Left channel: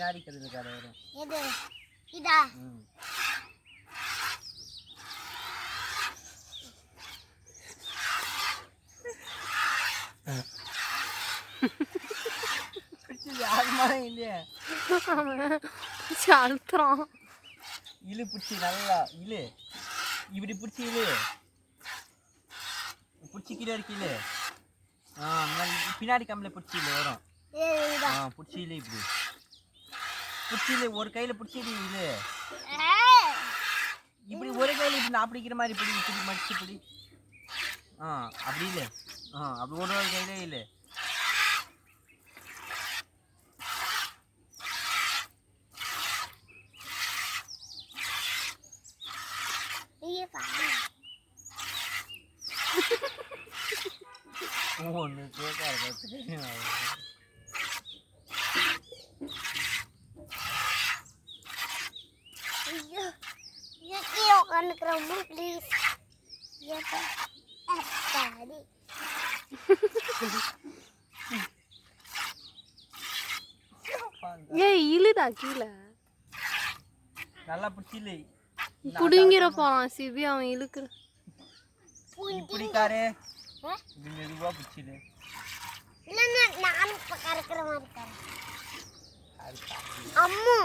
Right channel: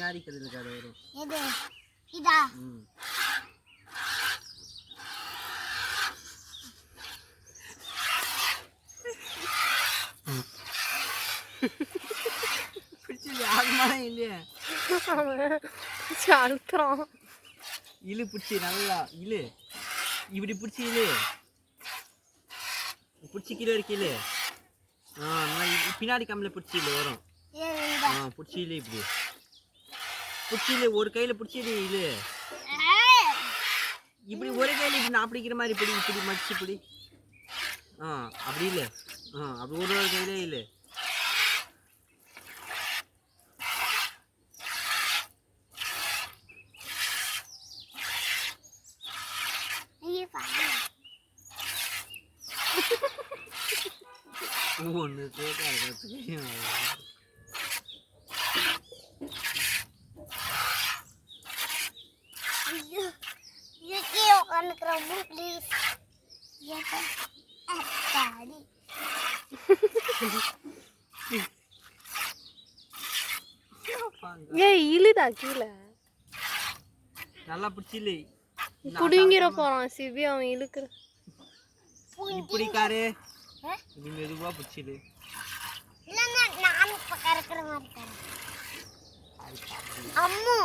கதில் கதை வரும். எது? இதா? அழுத்துறான். இழு பிடிச்சி நல்லா இழு. இப்படி பிடிச்சி இழு. பிடிச்சி கீழே இருக்கு இழு. ஆ பின்னாடி கம்மில் பிடிச்சி இழு வரும். ஆ பிடிச்சி இழு இப்படி. பிடிச்சி இழு ஒரு கையில் பிடிச்சி இழு இழு ஏய், இப்படி ஒரு கையில் இப்படி நான் பிடிக்கிற மாதிரி இப்படி இப்படி மடிச்சு இப்படி. ஆ அப்படி இல்லை. ஆ அப்படி ஒரு ஒரு கையிலே இல்லை. ஒன்று கேட்காது ஐயோ கீழே உட்காந்துக்கிறோம் ப்ளீஸ் அப்பாடி ஏய் இழுடா கீழே. நல்லா பிடிச்சி இல்லை புடுங்கிற போறான் சிபி அவன் இழுக்கிற. இப்படி காரு ஆ? இது மெதுவாக பிடிச்சிடு நானும் இப்போ கறக்கிற மாதிரி கறக்கிறேன் அம்மு.